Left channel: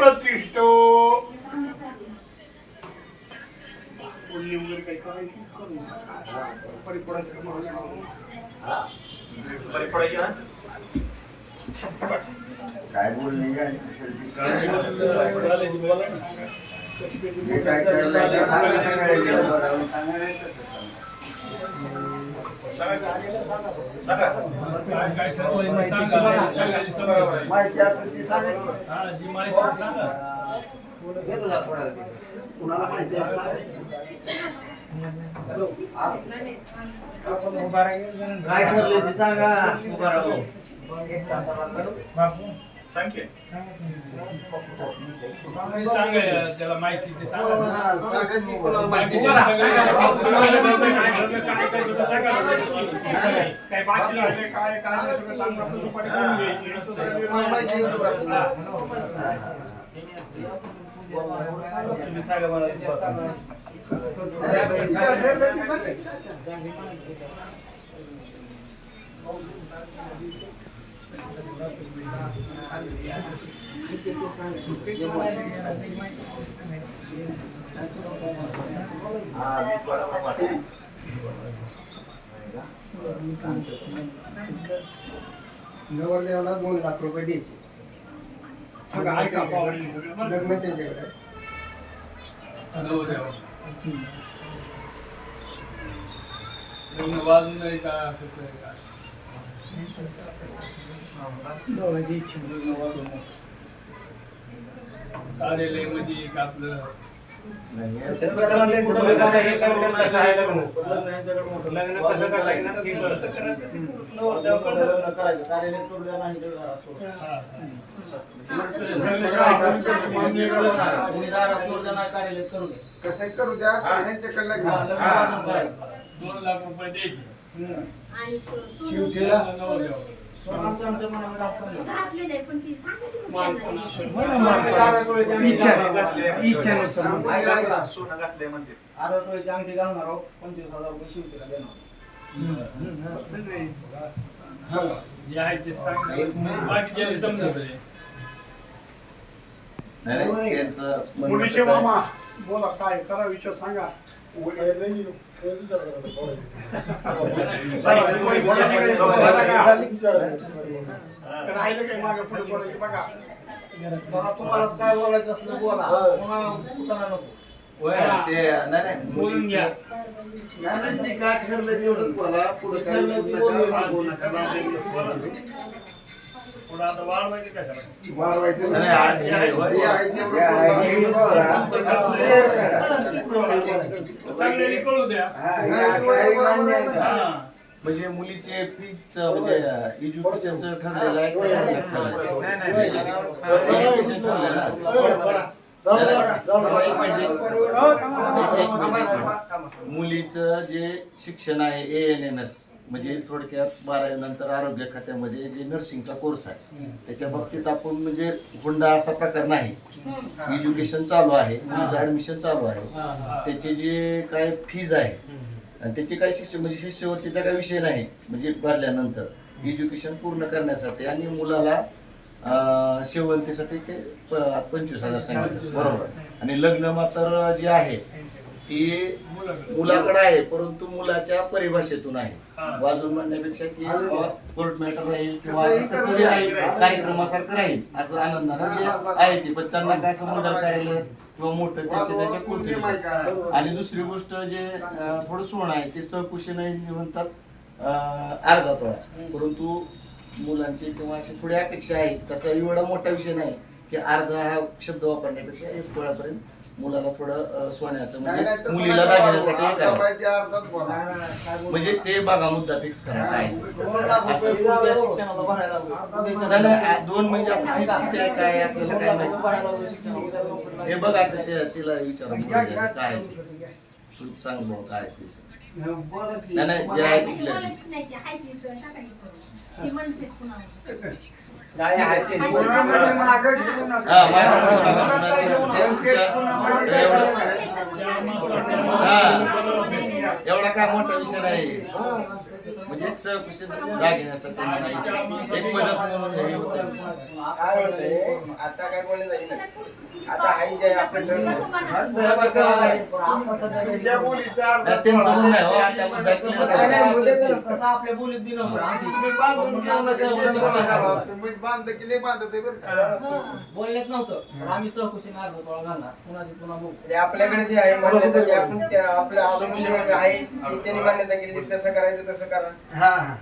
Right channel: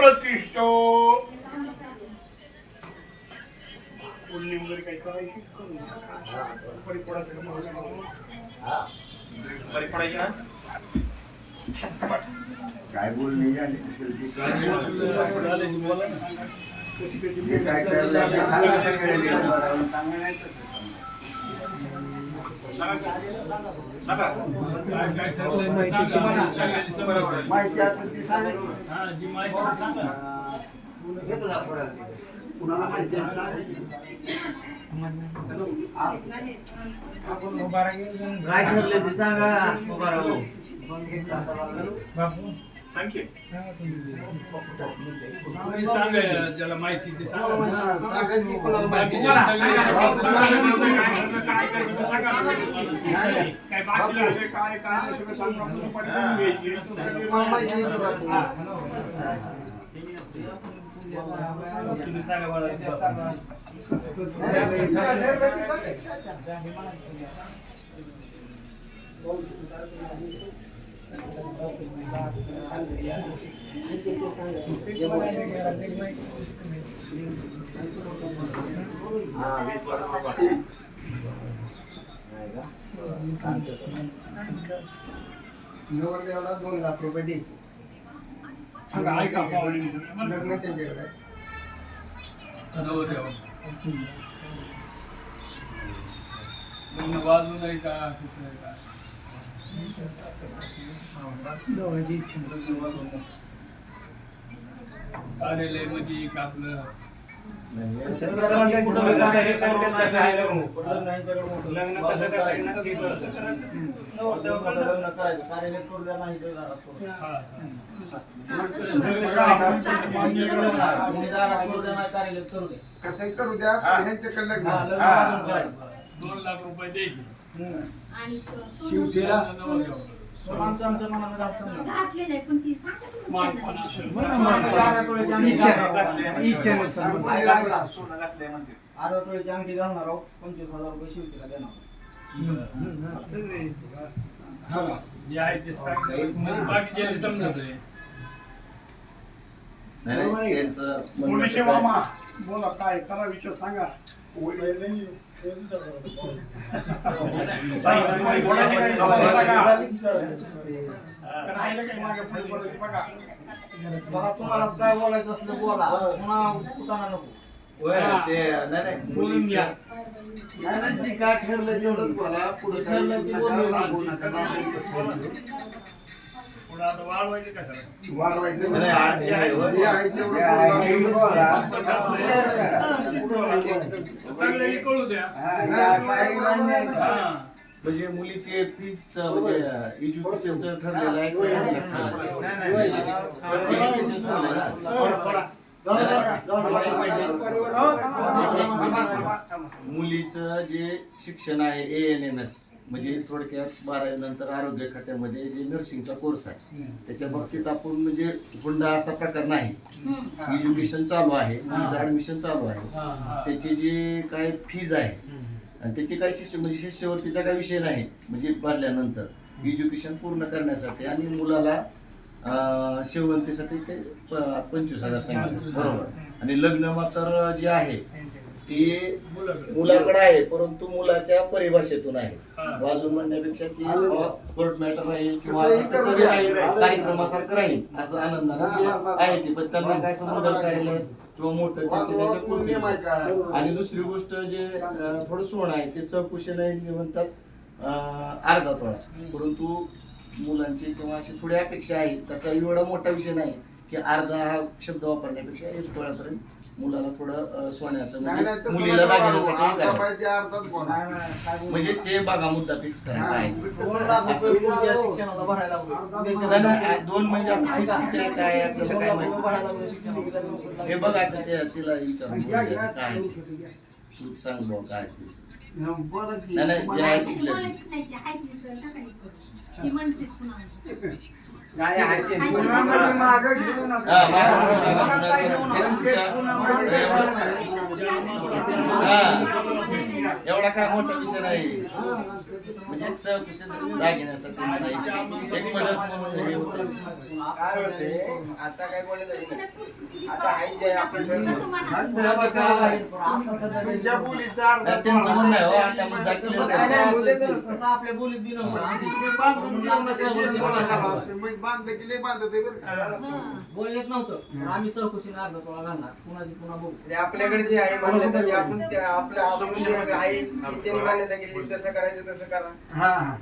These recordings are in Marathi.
प्रतिष्ठो वगैरे काही करायची काय बोलणे काय माहिती असेल ती सांगा. कुणाला माहिती आहे काय ठरले ते सांगा. उभा राहू ज्याला माहिती ते सांगा. नवरदेवाला 2 लाख रुपये द्यायचे. लग्न त्यांच्याकडे वाजून नाही का कार्यालय मध्ये आपलं कसं करू द्या. 2 लाख रुपये द्यायचे. आमच्या मनामध्ये अंगठी घालणार आहोत. 25,000 रुपये शिवतीला देणार. समजत मुलीचे मामा बोला काय करा विषय सांगा. तुम्हाला काय बोलायचं असलं बोला. पुन्हा नको. जी काय ठरलं तेवढंच बोला. पुढे ठरलं ते बोलू नका. वाढवायचं कळू द्या. म्हणजे मुलीचे फीच म्हणजे एज्युकेशनचं ठरलेलं आहे. एज्युकेशन ठरलेलं. मुलीचं जे शिक्षण आहे ANMS म्हणजे थोडक्यात 12वी नंतर आरोग्य खात्यामध्ये जे नर्सिंगचा कोर्स आहे त्याच्या बाबतीत आपण म्हणजे हुंडा असा प्रकार नाही. एज्युकेशन चालू आहे, मुलीचं ऍडमिशन चालू आहे, त्याचे जे काय फीज आहे आणि त्याचे काय शिक्षण म्हणजे शिष्यवृत्तीचा काही विषय नाही. म्हणजे भरल्यानंतर एज्युकेशन पूर्ण करण्यासाठी आणि मुलाला शेवंतीसाठी 25,000 सांगितलं बरोबर. आणि लग्न मात्र जे आहे ते मुलाकडे आहे परंतु मुलाच्या परिभाषेतून आहे. वाजून म्हणण्यापेक्षा की कोर्ट मॅटर राहील किंवा कार्यक्रमासारखं राहील असं आनंदानं जे आहे ते. पण त्यांना काय मुदल कार्यालय किंवा मोठं त्याचे कुर्ती. आणि दुसरी गोष्ट जे थोडं सोनं आहे ते सहकुशीने म्हणतात अर्धा तोळा. परंतु मुलांची किंवा अशी थोडी अपेक्षा आहे. तसा एवढा मोठा विषय नाही की अर्धा हा शब्द वापरण्यापेक्षा 1 तोळ्यापर्यंत मुलाला थोडं सोन्याचं म्हणजे मुलीला दागिन्यासाठी म्हणजे ते बघा मुद्दा फिक्स करा काय 2 म्हणजे काय आपल्याला काय माहिती हे बघा तिला विचारून काय तू सांग भाऊ काय नाही जे आहे तिथलं काय आहे ते एवढा काय मोठा विषय नाही म्हणजे एक सहकुशीत दागिन्यासाठी म्हणायची एक मदत म्हणून हे होतं. काय होतंय आता काय बोलले नाही आता हाय जे आपलं तुमच्या मुलीचा अर्धा नाही, त्यांचं म्हणणं आहे हो, आता मुद्दा तसं केला काय नाही, तर- मुद्द्याचं नसतं. तसं आपल्या बोलीत बी नव्हतं. तुम्ही बांधून घेऊ नका, जे सोनं घालावं. मी बांधलं की लय बांधत आहे बरं का. बोलण्यात नव्हतं पण आम्ही सहकुशीने अर्धा तोळा घालणार पुन्हा पुन्हा बघू. ते आपल्याकडे जे आहे मान्यता ती आपण आपण जे आहे ती त्यांनी मान्यता केली तसं करायचं तसं करा हा हा.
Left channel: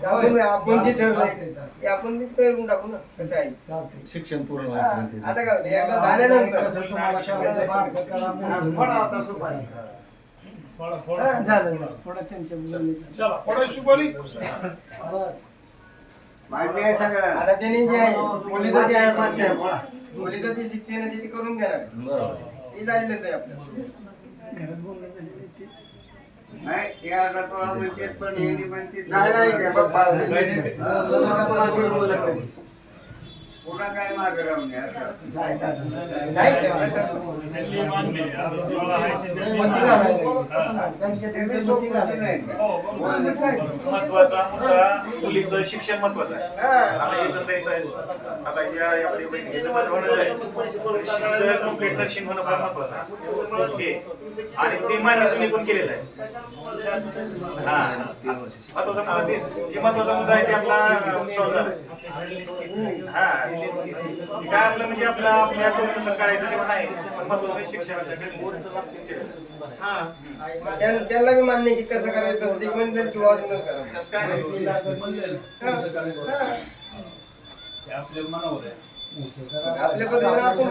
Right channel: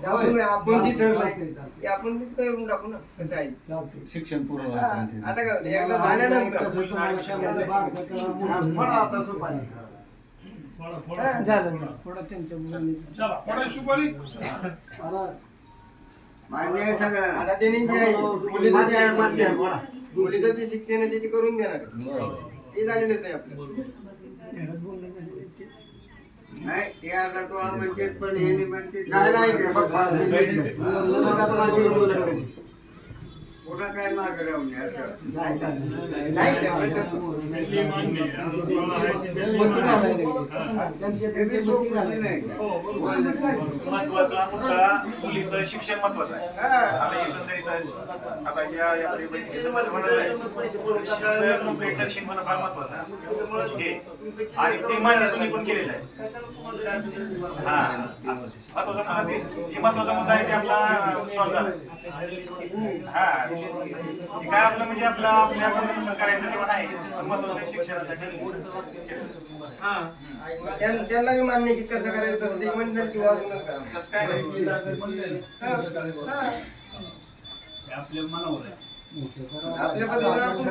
त्यामुळे आपण जे ठरलंय ते आपण ते करून टाकू ना कसं आहे शिक्षण पूर्ण हा, व्हायचं आता काय होतं एकदा झाल्यानंतर हा, फळा आता सुपारी. चला, फळा सुपारी. मान्य आहे सगळं. आता त्यांनी जे आहे मुलीचं जे आहे मान्य आहे, शिक्षण बोला. मुलीचं जे शिक्षण आहे ते करून घेणार आहे. बरोबर हे झालेलंच आहे आपलं नाही, हे अर्धा तोळा म्हणतात, पण हे नाही म्हणतात. नाही नाही काय बाबा. पुढं काय मागं राहून आहे, असं. नाही ठेवलं त्यांनी मान्य आहे. आता तुम्हाला आहे ते ते काही सोपं नाही. महत्वाचा मुद्दा मुलीचं शिक्षण महत्वाचं आहे. आता एकंदरीत आता या महत्वाचं आहे शिक्षण कंप्लीट नर्सिंग होणं फार महत्वाचं आहे हे. आणि ते मान्य तुम्ही पण केलेलं आहे. हा महत्वाचा मुद्दा ते जे महत्वाचा मुद्दा आहे ते आपला सॉल्व्ह झाला. हा हे काय आपलं म्हणजे आपल्या कोणीनुसार करायचं जेवण आहे पण महत्वाचं शिक्षणाचं त्यांना बी मान्य आहे की कसं करायचं तसं ते म्हणलं किंवा अजूनच करा तसं काय नाही. आपल्या मनावर आहे. आपल्या पद्धतीने आपण